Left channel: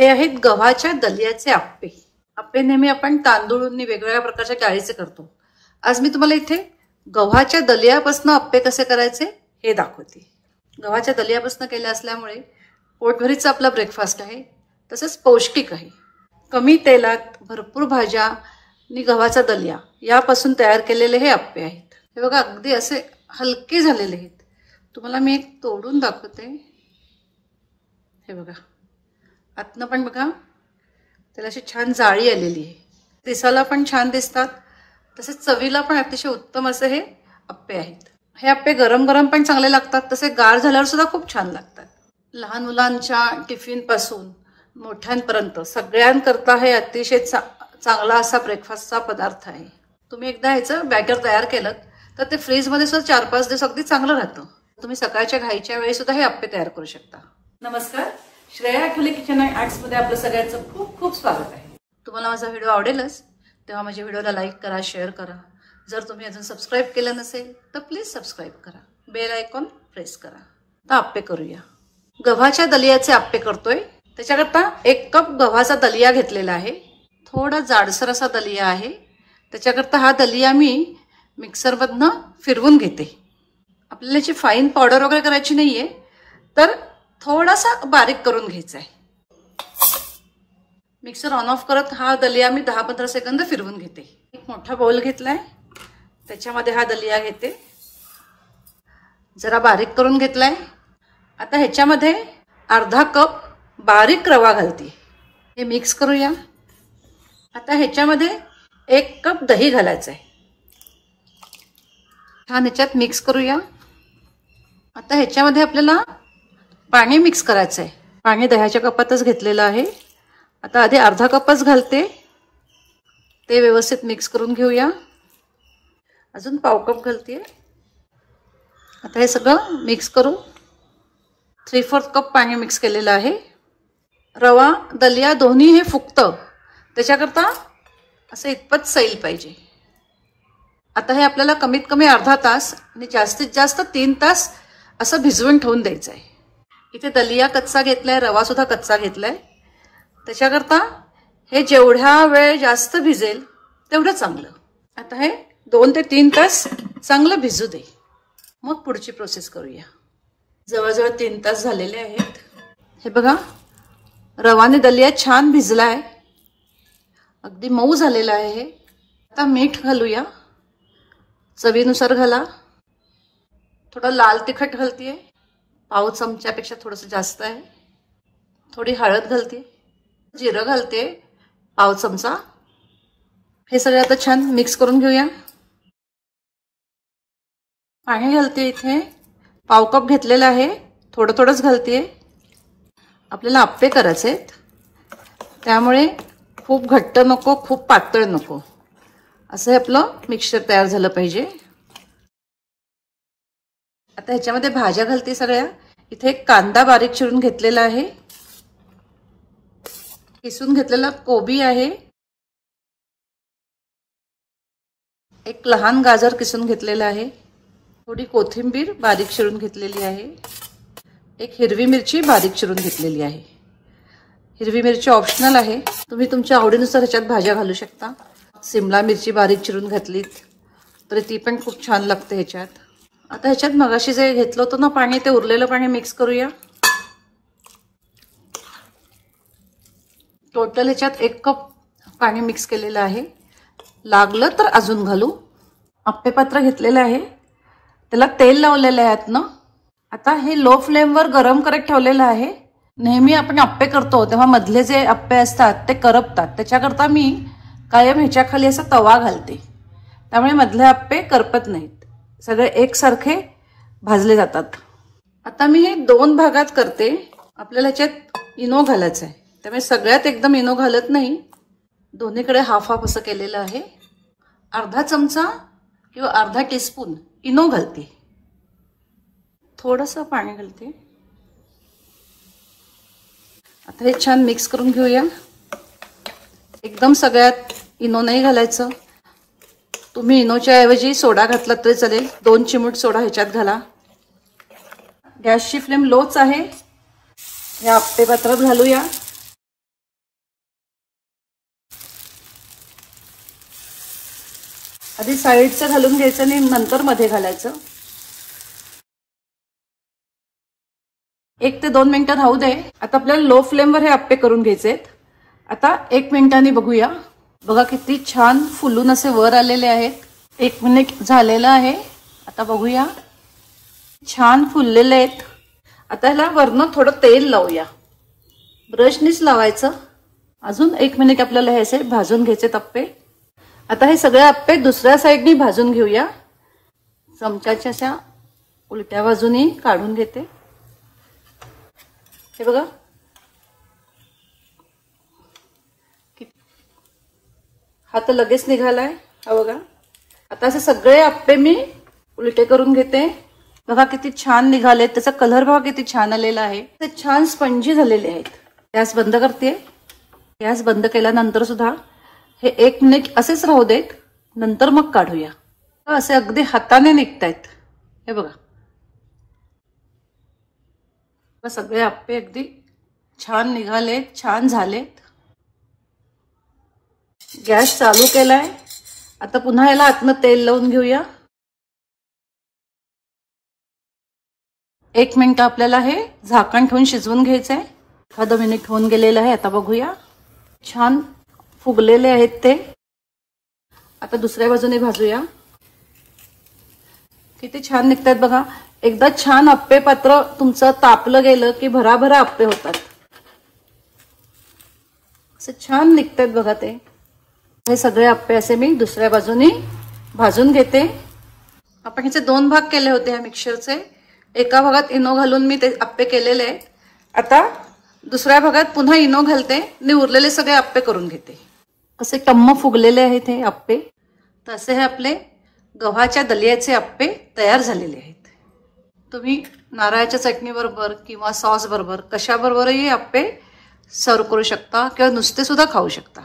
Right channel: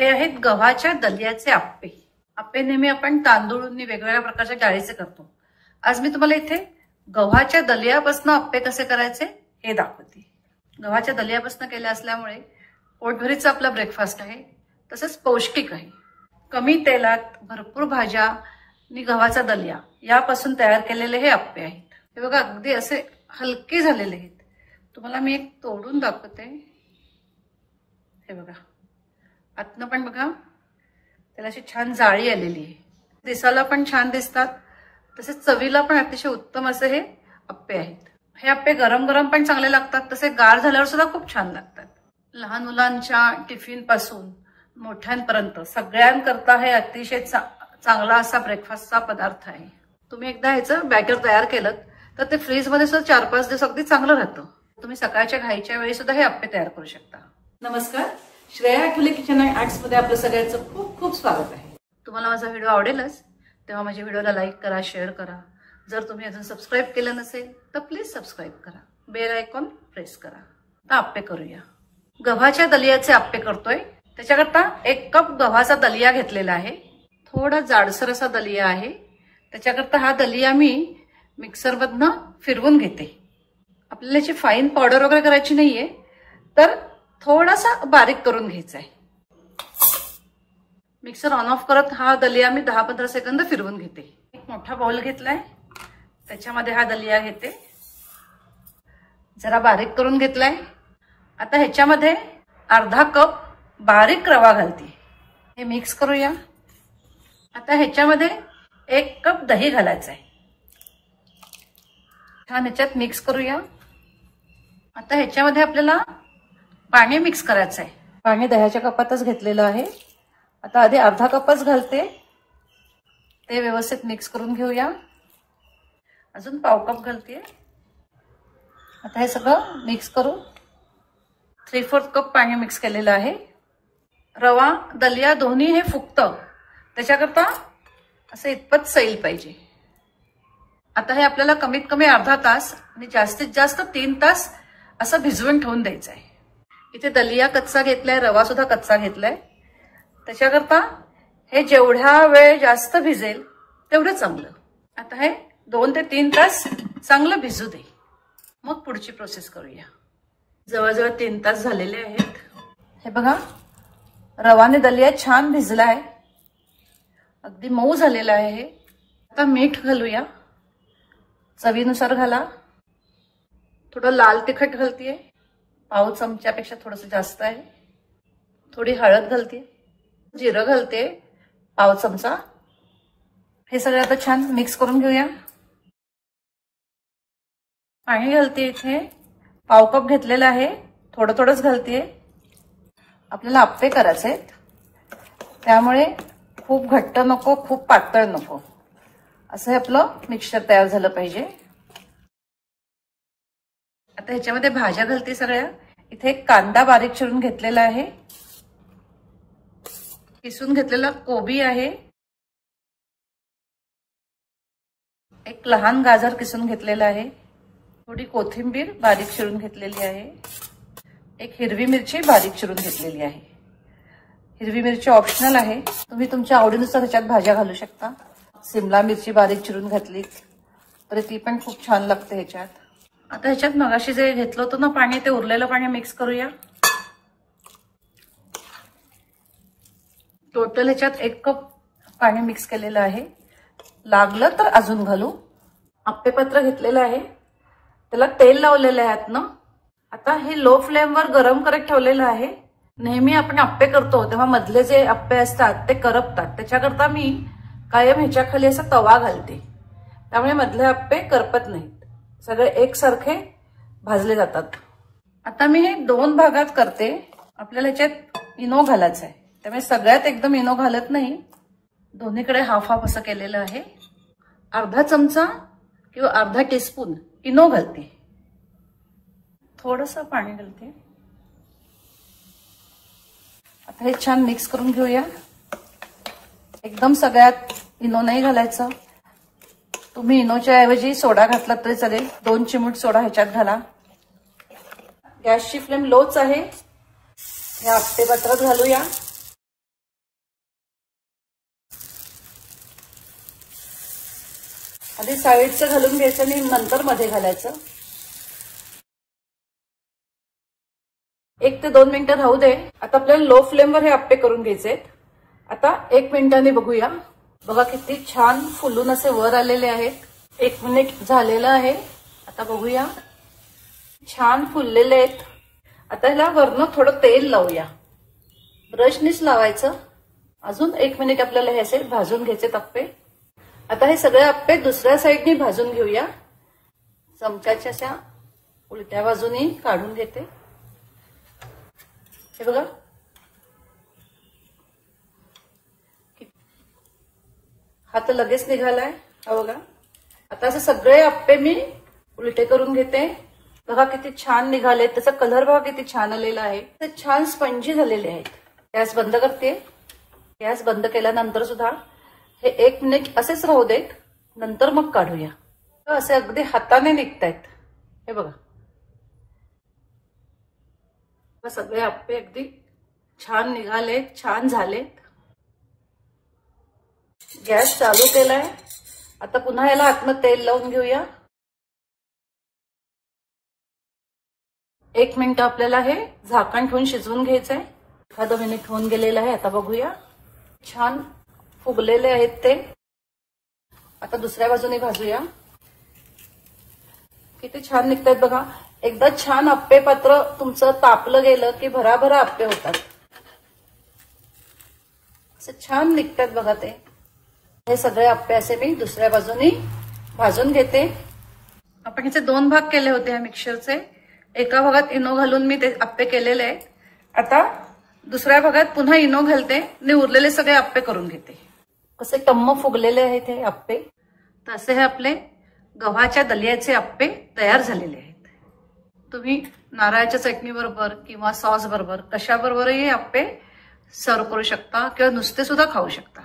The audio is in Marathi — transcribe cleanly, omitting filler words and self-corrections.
हे आहेत गव्हाच्या दलियाचे आप्पे। आप्पे नेहमी आपण तांदूळनी वेगवेगळ्या प्रकारच्या डाळीचे करतो। आज मी तुम्हाला इथे गव्हाच्या दलियापासून आप्पे कसे करायचे हे दाखवते। गव्हाच्या दलियापासून केले असल्यामुळे पोटभरीचा आपला ब्रेकफास्ट आहे, तसेच पौष्टिक आहे। कमी तेलात भरपूर भाज्या आणि गव्हाचा दलिया यापासून तयार केलेले हे आप्पे आहेत। हे बघा अगदी असे हलके झालेले आहेत। तुम्हाला मी एक तोडून दाखवते। हे बघा आतनं पण बघा त्याला अशी छान जाळी आलेली आहे। दिसायला पण छान दिसतात, तसेच चवीला पण अतिशय उत्तम असे हे आप्पे आहेत। हे आप्पे गरम गरम पण चांगले लागतात, तसे गार झाल्यावर सुद्धा खूप छान लागतात। लहान मुलांच्या टिफिन पासून मोठ्यांपर्यंत सगळ्यांकरता हे अतिशय चांगला असा ब्रेकफास्टचा पदार्थ आहे। तुम्ही एकदा ह्याचं बॅटर तयार केलं तर ते फ्रीज मध्ये सुद्धा 4-5 दिवस अगदी चांगलं राहतं। तुम्ही सकाळच्या घाईच्या वेळी सुद्धा हे आप्पे तयार करू शकता। नमस्कार, Shreya Athawale kitchen and arts मध्ये आपलं सगळ्यांचं खूप खूप स्वागत आहे। तुम्हाला माझा व्हिडिओ आवडेलच तेव्हा माझ्या व्हिडिओला लाईक करा, शेअर करा। जर तुम्ही अजून सबस्क्राईब केलं नसेल तर प्लीज सबस्क्राईब करा, बेल आयकॉन प्रेस करा। आता आप्पे करूया। गव्हाच्या दलियाचे आप्पे करतोय। त्याच्याकरता 1 कप गव्हाचा दलिया घेतलेला आहे। थोडा जाडसर असा दलिया आहे। त्याच्याकरता हा दलिया मी मिक्सरमधनं फिरवून घेते। आपल्याला याची फाईन पावडर वगैरे करायची नाहीये, तर थोडासा बारीक करून घ्यायचा आहे। मिक्सर ऑन ऑफ करत हा दलिया मी 10-15 सेकंद फिरवून घेते। एक मोठा बाउल घेतलाय, त्याच्यामध्ये हा दलिया घेते, जरा बारीक करून घेतलाय। आता ह्याच्यामध्ये अर्धा कप बारीक रवा घालते। हे मिक्स करूया। आता ह्याच्यामध्ये 1 कप दही घालायचं आहे। छान ह्याच्यात मिक्स करूया। आता ह्याच्यामध्ये आपल्याला पाणी मिक्स करायचं आहे। पाणी दह्याच्या कपातच घेतलेलं आहे। आता आधी अर्धा कपच घालते, ते व्यवस्थित मिक्स करून घेऊया। अजून पाव कप घालते। आता हे सगळं मिक्स करू। 3/4 कप पाणी मिक्स केलेलं आहे। रवा दलिया दोन्ही हे फुगतं, त्याच्याकरता असं इतपत सैल पाहिजे। आता हे आपल्याला कमीत कमी अर्धा तास आणि जास्तीत जास्त 3 तास असं भिजवून ठेवून द्यायचं आहे। इथे दलिया कच्चा घेतलाय, रवा सुद्धा कच्चा घेतलाय। त्याच्याकरता हे जेवढा वेळ जास्त भिजेल तेवढं चांगलं। आता हे 2 ते 3 तास चांगलं भिजू दे, मग पुढची प्रोसेस करूया। जवळजवळ 3 तास झालेले आहेत। हे बघा रवाने दलिया छान भिजलाय, अगदी मऊ झालेला आहे हे। आता मीठ घालूया, चवीनुसार घाला। थोडं लाल तिखट घालतेय, पाव चमच्यापेक्षा थोडंसं जास्त आहे। थोडी हळद घालते, जिरं घालते पाव चमचा। हे सगळं आता छान मिक्स करून घेऊया। पाणी घालते, इथे पाव कप घेतलेलं आहे, थोडं थोडंच घालते। आपल्याला आप्पे करायचे त्यामुळे खूप घट्ट नको, खूप पातळ नको, असं हे आपलं मिक्सचर तयार झालं पाहिजे। आता ह्याच्यामध्ये भाज्या घालते सगळ्या। इथे एक कांदा बारीक चिरून घेतलेला आहे, किसून घेतलेला कोबी आहे, एक लहान गाजर किसून घेतलेला आहे, थोडी कोथिंबीर बारीक चिरून घेतलेली आहे, एक हिरवी मिरची बारीक चिरून घेतलेली आहे। हिरवी मिरची ऑप्शनल आहे, तुम्ही तुमच्या आवडीनुसार ह्याच्यात भाज्या घालू शकता। सिमला मिरची बारीक चिरून घातलीत तर ती पण खूप छान लागते ह्याच्यात। आता ह्याच्यात मगाशी जे घेतलं होतं ना पाणी, ते उरलेलं पाणी मिक्स करूया। टोटल ह्याच्यात 1 कप पाणी मिक्स केलेलं आहे, लागलं तर अजून घालू। आप्पे पात्र घेतलेलं आहे, त्याला तेल लावलेलं आहे आतनं। आता हे लो फ्लेमवर गरम करत ठेवलेलं आहे। नेहमी आपण आप्पे करतो तेव्हा मधले जे आप्पे असतात ते करपतात, त्याच्याकरता मी कायम ह्याच्या खाली असा तवा घालते, त्यामुळे मधले आप्पे करपत नाहीत, सगळे एकसारखे भाजले जातात। आता मी हे 2 भागात करते। आपल्याला ह्याच्यात इनो घालायचं आहे, त्यामुळे सगळ्यात एकदम इनो घालत नाही, दोन्हीकडे हाफ हाफ असं केलेलं आहे। अर्धा चमचा किंवा अर्धा टीस्पून इनो घालते, थोडंसं पाणी घालते। आता हे छान मिक्स करून घेऊया। एकदम सगळ्यात इनो नाही घालायचं, तुम्ही इनोच्या ऐवजी सोडा घातला तरी चालेल। 2 चिमूट सोडा ह्याच्यात घाला। गॅसची फ्लेम लोच आहे। या आप्पे पात्रात घालूया। आधी साईडचं घालून घ्यायचं आणि नंतर मध्ये घालायचं. 1 ते 2 मिनिटं राहू दे. आता आपल्याला लो फ्लेमवर हे आप्पे करून घ्यायचे आहेत. आता 1 मिनिटांनी बघूया. बघा किती छान फुलून असे वर आलेले आहेत. 1 मिनिट झालेलं आहे. आता बघूया, छान फुललेले आहेत. आता ह्याला वरनं थोडं तेल लावूया. ब्रशनीच लावायचं. अजून 1 मिनिट आपल्याला हे असे भाजून घ्यायचे आप्पे. आता हे सगळे आप्पे दुसऱ्या साईडनी भाजून घेऊया. चमच्याच्या अशा उलट्या बाजूनी काढून घेते. हे बघा, हा तर लगेच निघालाय. हा बघा, आता असे सगळे आप्पे मी उलटे करून घेते. बघा किती छान निघाले. त्याचा कलर बघा किती छान आलेला आहे. ते छान स्पंजी झालेले आहेत. गॅस बंद करते. गॅस बंद केल्यानंतर सुद्धा हे 1 मिनिट असेच राहू देत. नंतर मग काढूया. असे अगदी हाताने निघतायत. हे बघा, सगळे आप्पे अगदी छान निघाले, छान झालेत. गॅस चालू केलाय. आता पुन्हा याला आतनं तेल लावून घेऊया. 1 मिनिट आपल्याला हे झाकण ठेवून शिजवून घ्यायचंय. 1 मिनिट होऊन गेलेलं आहे. आता बघूया, छान फुगलेले आहेत ते. आता दुसऱ्या बाजूने भाजूया. किती छान निघतात बघा. एकदा छान आप्पे पात्र तुमचं तापलं गेलं की भराभरा आप्पे होतात. असे छान निघतात बघा ते. हे सगळे आप्पे असे मी दुसऱ्या बाजूने भाजून घेते. आपण ह्याचे 2 भाग केले होते ह्या मिक्सरचे. एका भागात इनो घालून मी ते आप्पे केलेले आहेत. आता दुसऱ्या भागात पुन्हा इनो घालते आणि उरलेले सगळे आप्पे करून घेते. असे टम्म फुगलेले आहेत हे आप्पे. तर असे हे आपले गव्हाच्या दलियाचे आप्पे तयार झालेले आहेत. तुम्ही नारळाच्या चटणी बरोबर किंवा सॉस बरोबर कशाबरोबरही आप्पे सर्व करू शकता किंवा नुसते सुद्धा खाऊ शकता.